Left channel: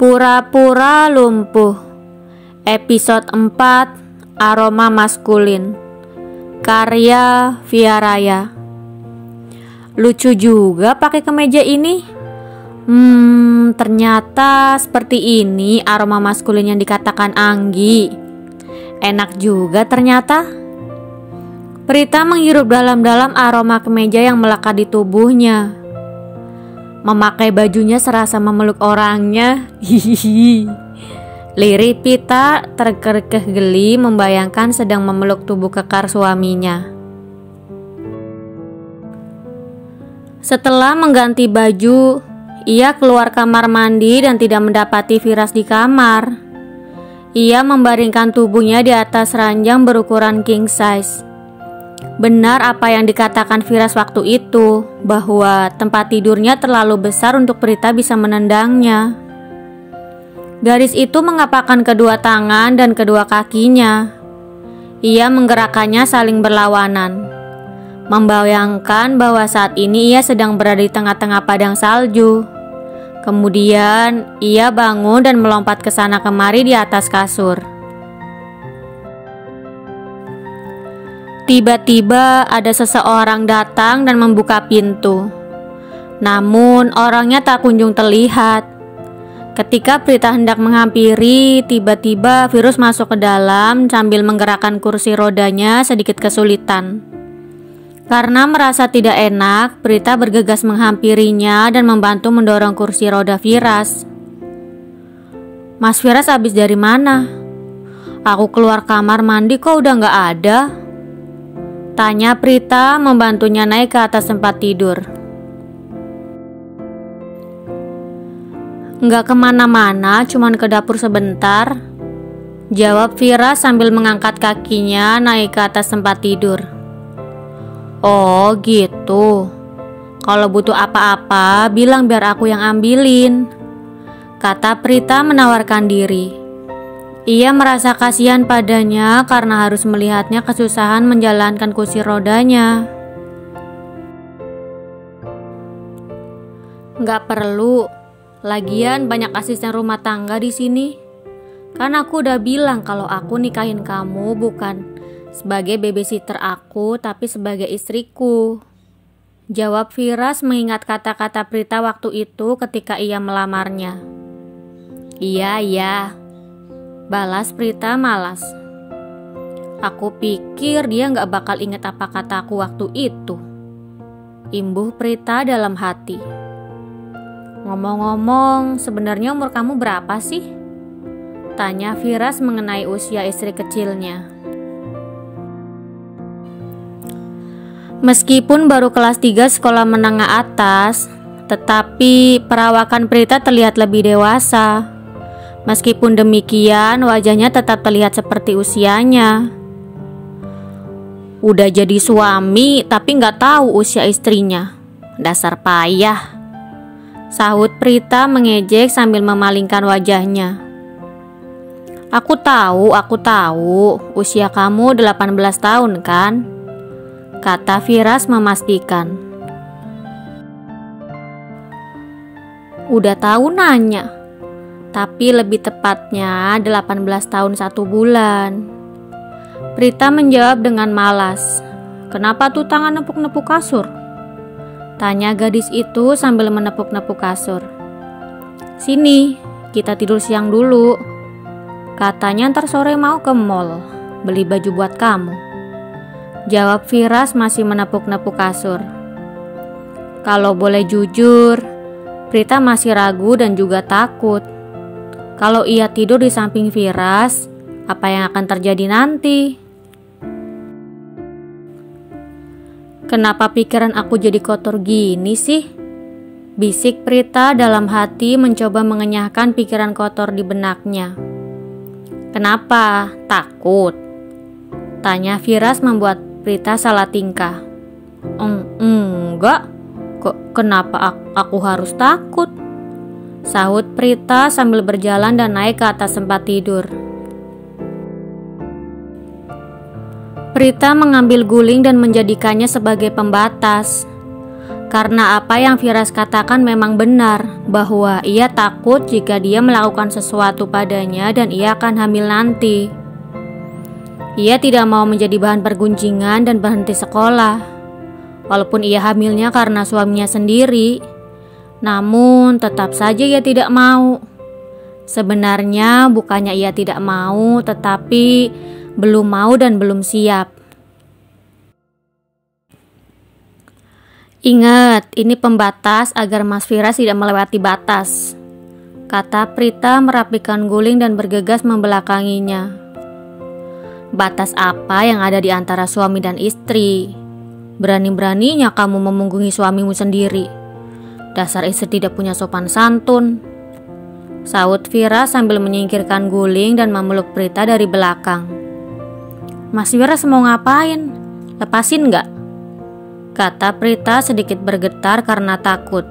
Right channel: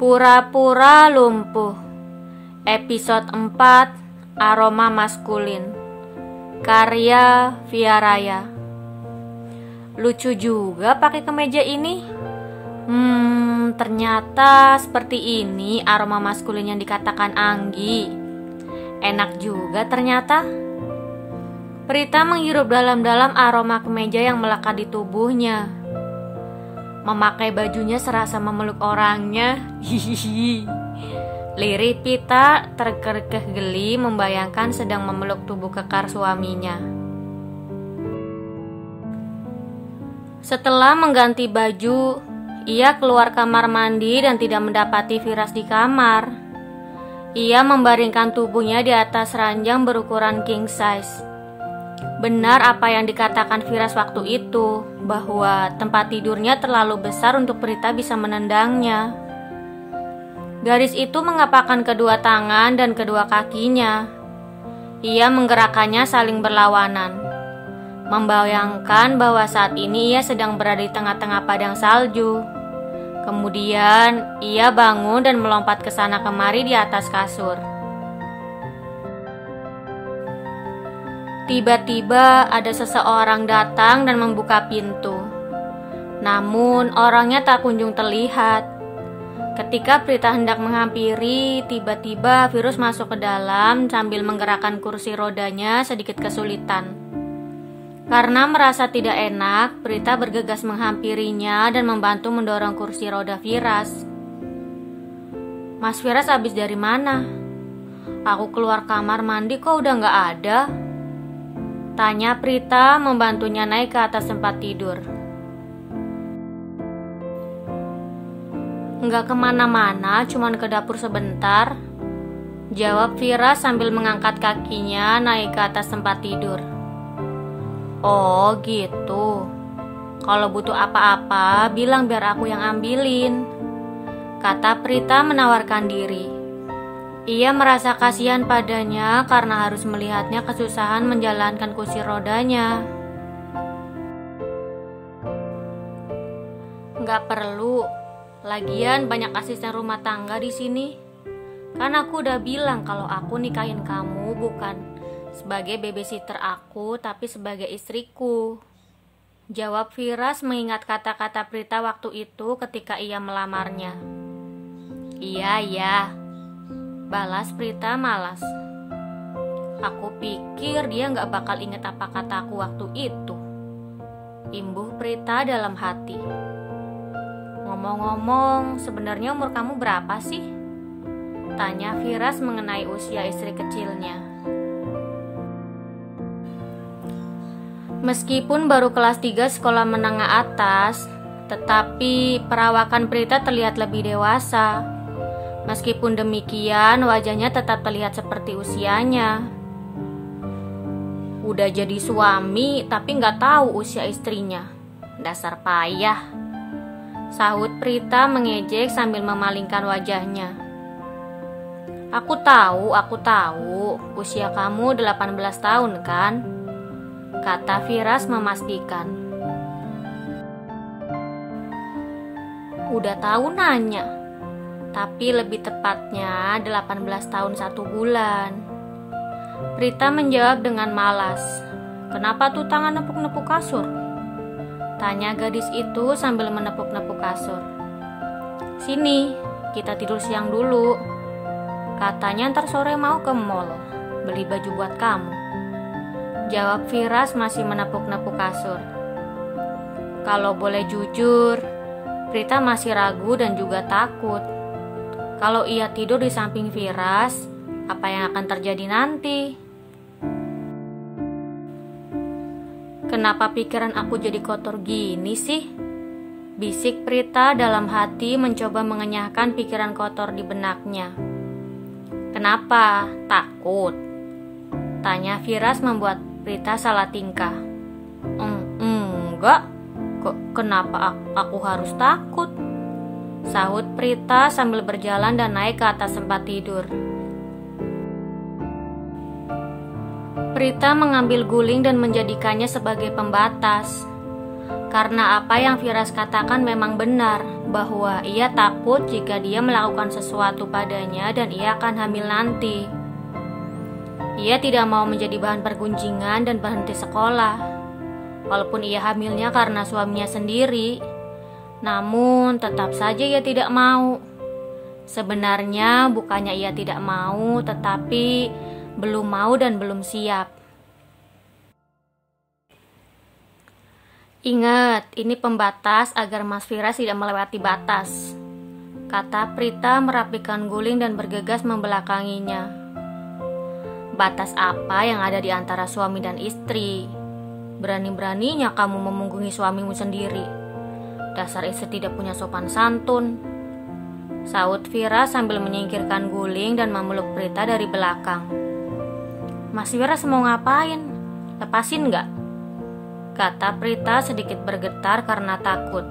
Pura-pura lumpuh. Episode 4, Aroma Maskulin. Karya Via Raya. Lucu juga pakai kemeja ini. Ternyata seperti ini aroma maskulin yang dikatakan Anggi. Enak juga ternyata. Prita menghirup dalam-dalam aroma kemeja yang melekat di tubuhnya. Memakai bajunya serasa memeluk orangnya. Hihihi. Lirik Prita terkekeh geli membayangkan sedang memeluk tubuh kekar suaminya. Setelah mengganti baju, ia keluar kamar mandi dan tidak mendapati Firas di kamar. Ia membaringkan tubuhnya di atas ranjang berukuran king size. Benar apa yang dikatakan Firas waktu itu, bahwa tempat tidurnya terlalu besar untuk Prita bisa menendangnya. Gadis itu mengepakkan kedua tangan dan kedua kakinya. Ia menggerakkannya saling berlawanan, membayangkan bahwa saat ini ia sedang berada di tengah-tengah padang salju. Kemudian ia bangun dan melompat ke sana kemari di atas kasur. Tiba-tiba ada seseorang datang dan membuka pintu. Namun orangnya tak kunjung terlihat. Ketika Prita hendak menghampiri, tiba-tiba Virus masuk ke dalam sambil menggerakkan kursi rodanya sedikit kesulitan. Karena merasa tidak enak, Prita bergegas menghampirinya dan membantu mendorong kursi roda Firas. "Mas Firas habis dari mana? Aku keluar kamar mandi kok udah gak ada?" tanya Prita membantunya naik ke atas tempat tidur. "Nggak kemana-mana, cuman ke dapur sebentar," jawab Firas sambil mengangkat kakinya naik ke atas tempat tidur. "Oh gitu, kalau butuh apa-apa bilang biar aku yang ambilin," kata Prita menawarkan diri. Ia merasa kasihan padanya karena harus melihatnya kesusahan menjalankan kursi rodanya. "Nggak perlu, lagian banyak asisten rumah tangga di sini. Kan aku udah bilang kalau aku nikahin kamu bukan sebagai babysitter aku, tapi sebagai istriku," jawab Firas mengingat kata-kata Prita waktu itu ketika ia melamarnya. Iya, balas Prita malas. "Aku pikir dia gak bakal inget apa kataku waktu itu," imbuh Prita dalam hati. "Ngomong-ngomong, sebenarnya umur kamu berapa sih?" tanya Firas mengenai usia istri kecilnya. Meskipun baru kelas 3 sekolah menengah atas, tetapi perawakan Prita terlihat lebih dewasa. Meskipun demikian, wajahnya tetap terlihat seperti usianya. Udah jadi suami, tapi gak tahu usia istrinya. Dasar payah, sahut Prita mengejek sambil memalingkan wajahnya. Aku tahu, usia kamu 18 tahun kan?" kata Firas memastikan. "Udah tahu nanya, tapi lebih tepatnya 18 tahun 1 bulan. Prita menjawab dengan malas. "Kenapa tuh tangan nepuk-nepuk kasur?" tanya gadis itu sambil menepuk-nepuk kasur. "Sini, kita tidur siang dulu. Katanya ntar sore mau ke mall beli baju buat kamu," jawab Firas masih menepuk-nepuk kasur. Kalau boleh jujur, Prita masih ragu dan juga takut. Kalau ia tidur di samping Firas, apa yang akan terjadi nanti? "Kenapa pikiran aku jadi kotor gini sih?" bisik Prita dalam hati mencoba mengenyahkan pikiran kotor di benaknya. "Kenapa? Takut?" tanya Firas membuat Prita salah tingkah. Enggak. Kenapa aku harus takut?" sahut Prita sambil berjalan dan naik ke atas tempat tidur. Prita mengambil guling dan menjadikannya sebagai pembatas. Karena apa yang Firas katakan memang benar, bahwa ia takut jika dia melakukan sesuatu padanya dan ia akan hamil nanti. Ia tidak mau menjadi bahan pergunjingan dan berhenti sekolah. Walaupun ia hamilnya karena suaminya sendiri, namun tetap saja ia tidak mau. Sebenarnya bukannya ia tidak mau, tetapi belum mau dan belum siap. Ingat, ini pembatas agar Mas Firas tidak melewati batas, kata Prita merapikan guling dan bergegas membelakanginya. Batas apa yang ada di antara suami dan istri? Berani-beraninya kamu memunggungi suamimu sendiri. Dasar istri tidak punya sopan santun, sahut Firas sambil menyingkirkan guling dan memeluk Prita dari belakang. Mas Firas mau ngapain? Lepasin gak? Kata Prita sedikit bergetar karena takut.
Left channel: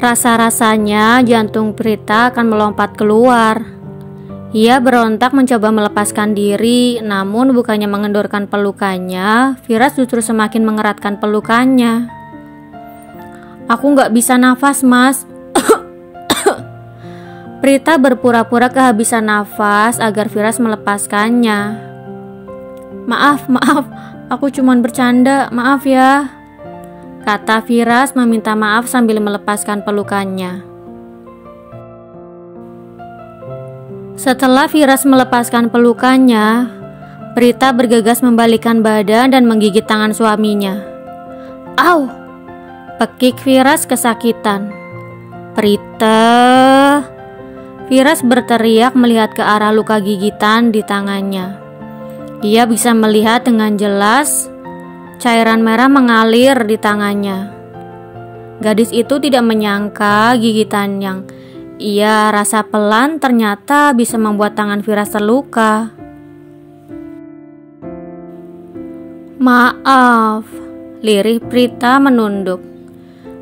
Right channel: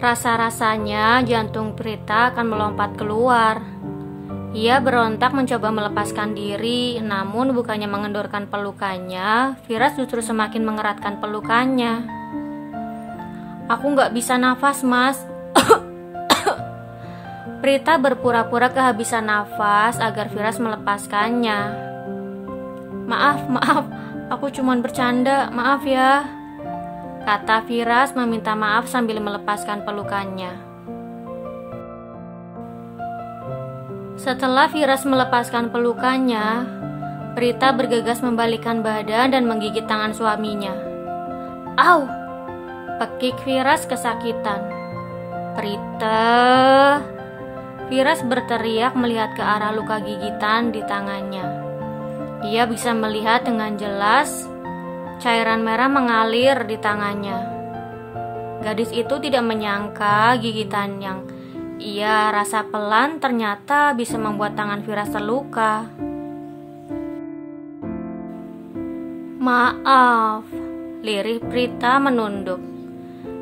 Rasa-rasanya jantung Prita akan melompat keluar. Ia berontak mencoba melepaskan diri, namun bukannya mengendorkan pelukannya, Firas justru semakin mengeratkan pelukannya. Aku gak bisa nafas, Mas. Prita berpura-pura kehabisan nafas agar Firas melepaskannya. Maaf, aku cuman bercanda, maaf ya, kata Firas meminta maaf sambil melepaskan pelukannya. Setelah Firas melepaskan pelukannya, Prita bergegas membalikkan badan dan menggigit tangan suaminya. Au! Pekik Firas kesakitan. Prita! Firas berteriak melihat ke arah luka gigitan di tangannya. Ia bisa melihat dengan jelas cairan merah mengalir di tangannya. Gadis itu tidak menyangka gigitan yang ia rasa pelan ternyata bisa membuat tangan Firas terluka. Maaf, lirih Prita menunduk.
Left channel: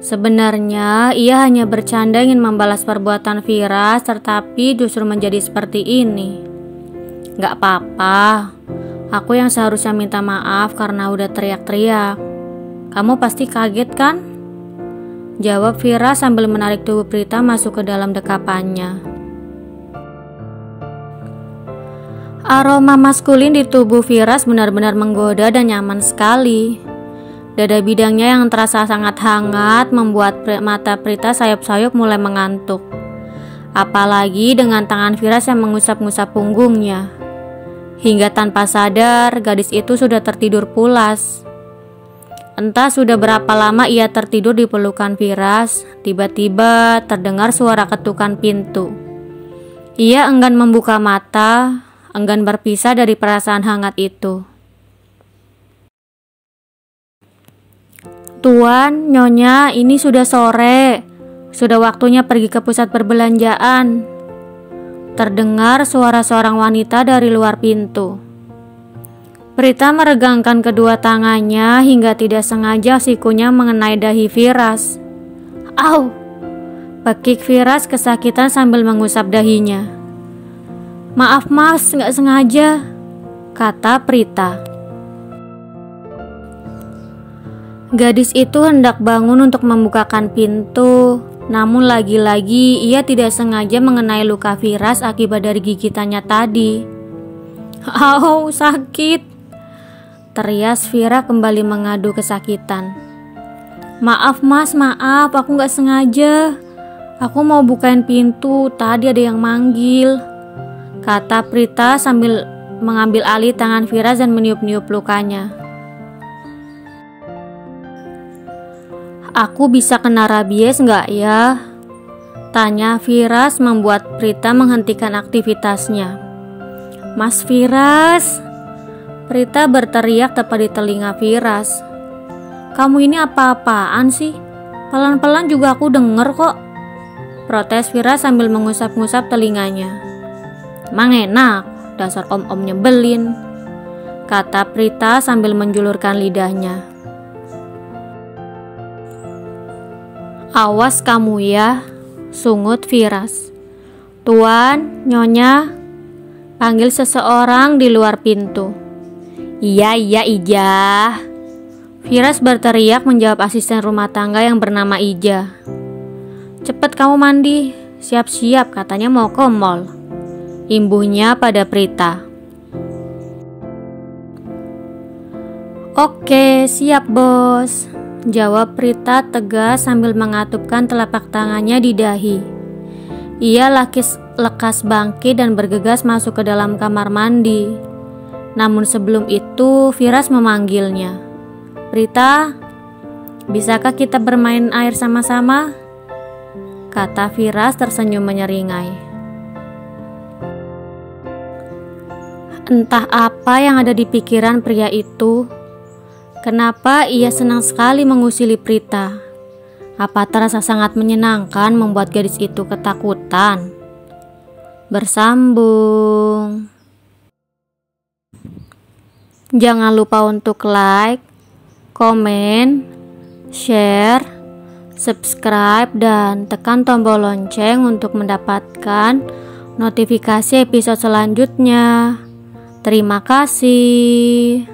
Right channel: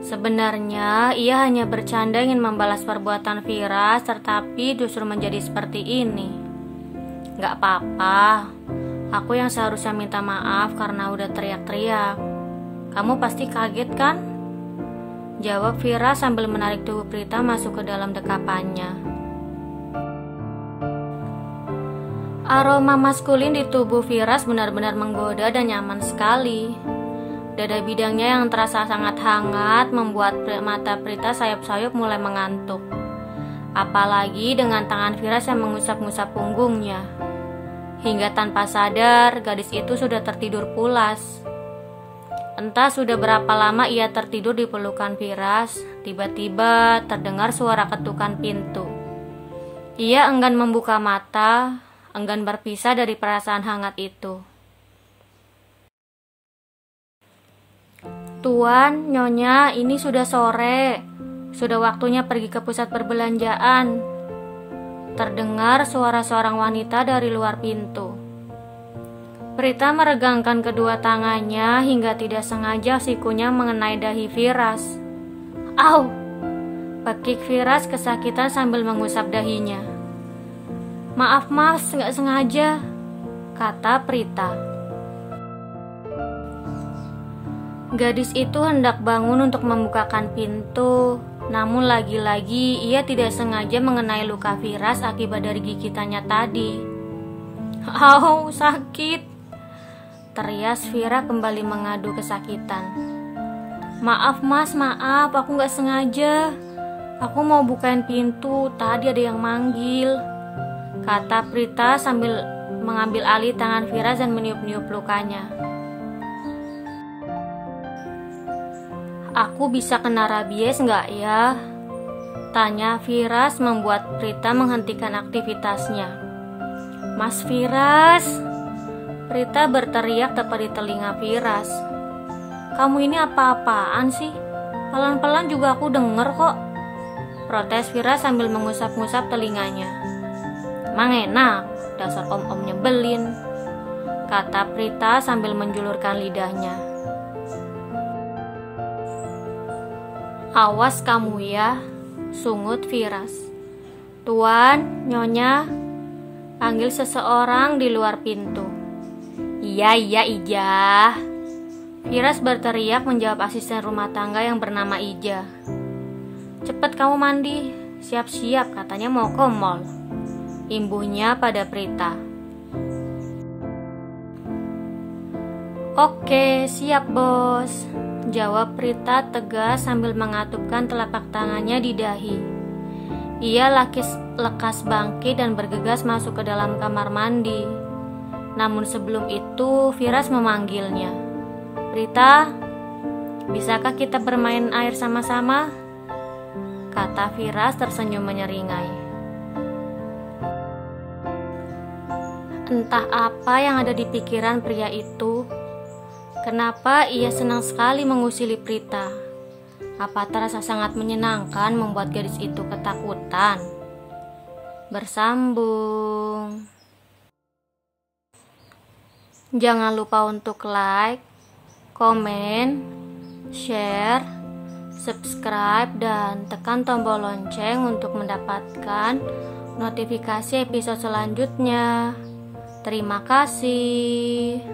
Sebenarnya ia hanya bercanda ingin membalas perbuatan Firas, tetapi justru menjadi seperti ini. Gak apa-apa. Aku yang seharusnya minta maaf karena udah teriak-teriak. Kamu pasti kaget kan? Jawab Firas sambil menarik tubuh Prita masuk ke dalam dekapannya. Aroma maskulin di tubuh Firas benar-benar menggoda dan nyaman sekali. Dada bidangnya yang terasa sangat hangat membuat mata Prita sayup-sayup mulai mengantuk. Apalagi dengan tangan Firas yang mengusap-ngusap punggungnya. Hingga tanpa sadar, gadis itu sudah tertidur pulas. Entah sudah berapa lama ia tertidur di pelukan Firas, tiba-tiba terdengar suara ketukan pintu. Ia enggan membuka mata, enggan berpisah dari perasaan hangat itu. Tuan, Nyonya, ini sudah sore. Sudah waktunya pergi ke pusat perbelanjaan. Terdengar suara seorang wanita dari luar pintu. Prita meregangkan kedua tangannya hingga tidak sengaja sikunya mengenai dahi Firas. Au! Pekik Firas kesakitan sambil mengusap dahinya. Maaf mas, gak sengaja, kata Prita. Gadis itu hendak bangun untuk membukakan pintu, namun lagi-lagi ia tidak sengaja mengenai luka Firas akibat dari gigitannya tadi. Au, sakit! Terias Fira kembali mengadu kesakitan. Maaf mas, maaf, aku gak sengaja. Aku mau bukain pintu, tadi ada yang manggil, kata Prita sambil mengambil alih tangan Firas dan meniup-niup lukanya. Aku bisa kena rabies nggak ya? Tanya Firas membuat Prita menghentikan aktivitasnya. Mas Firas! Prita berteriak tepat di telinga Firas. Kamu ini apa-apaan sih? Pelan-pelan juga aku denger kok, protes Firas sambil mengusap-ngusap telinganya. Emang enak, dasar om-om nyebelin, kata Prita sambil menjulurkan lidahnya. Awas kamu ya, sungut Firas. Tuan, Nyonya, panggil seseorang di luar pintu. Iya, iya Ija. Firas berteriak menjawab asisten rumah tangga yang bernama Ija. Cepet kamu mandi, siap-siap katanya mau ke mall. Imbuhnya pada Prita. Oke, siap bos, jawab Prita tegas sambil mengatupkan telapak tangannya di dahi. Ia lekas bangkit dan bergegas masuk ke dalam kamar mandi. Namun sebelum itu Firas memanggilnya. Prita, bisakah kita bermain air sama-sama? Kata Firas tersenyum menyeringai. Entah apa yang ada di pikiran pria itu. Kenapa ia senang sekali mengusili Prita? Apa terasa sangat menyenangkan membuat gadis itu ketakutan? Bersambung. Jangan lupa untuk like, komen, share, subscribe, dan tekan tombol lonceng untuk mendapatkan notifikasi episode selanjutnya. Terima kasih.